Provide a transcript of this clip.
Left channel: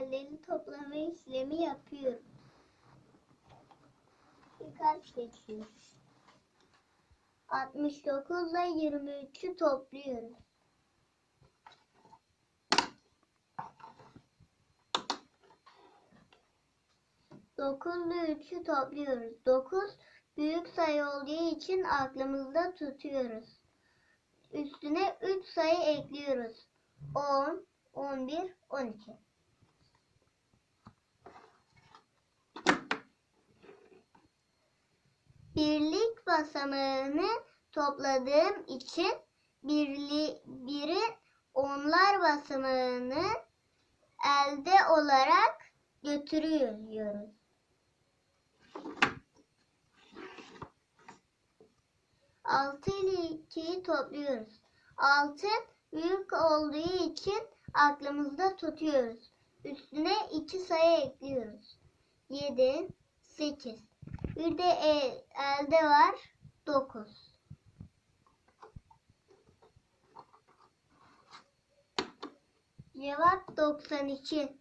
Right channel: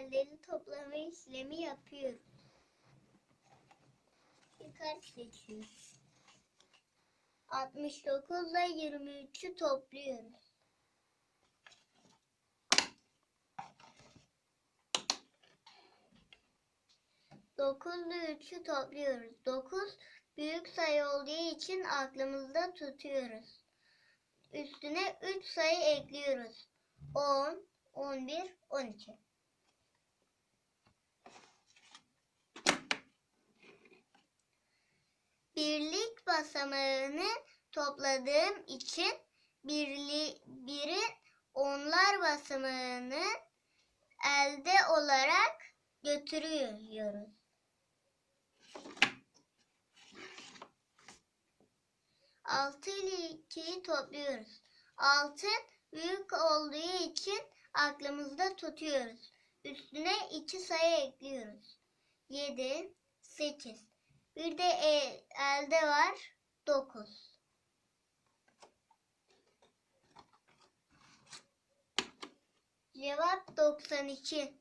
sayıselleri toplama işlemi yapıyoruz. Bir kart seçiyoruz. 69 ile 23'ü topluyoruz. Dokuzla üçü topluyoruz. Dokuz büyük sayı olduğu için aklımızda tutuyoruz. Üstüne 3 sayı ekliyoruz. 10, 11, 12. Birlik basamağını topladığım için birli, birin onlar basamağını elde olarak götürüyoruz. Altı ile ikiyi topluyoruz. Altı büyük olduğu için aklımızda tutuyoruz. Üstüne iki sayı ekliyoruz. Yedi, sekiz. Bir de elde var. Dokuz. Cevap 92.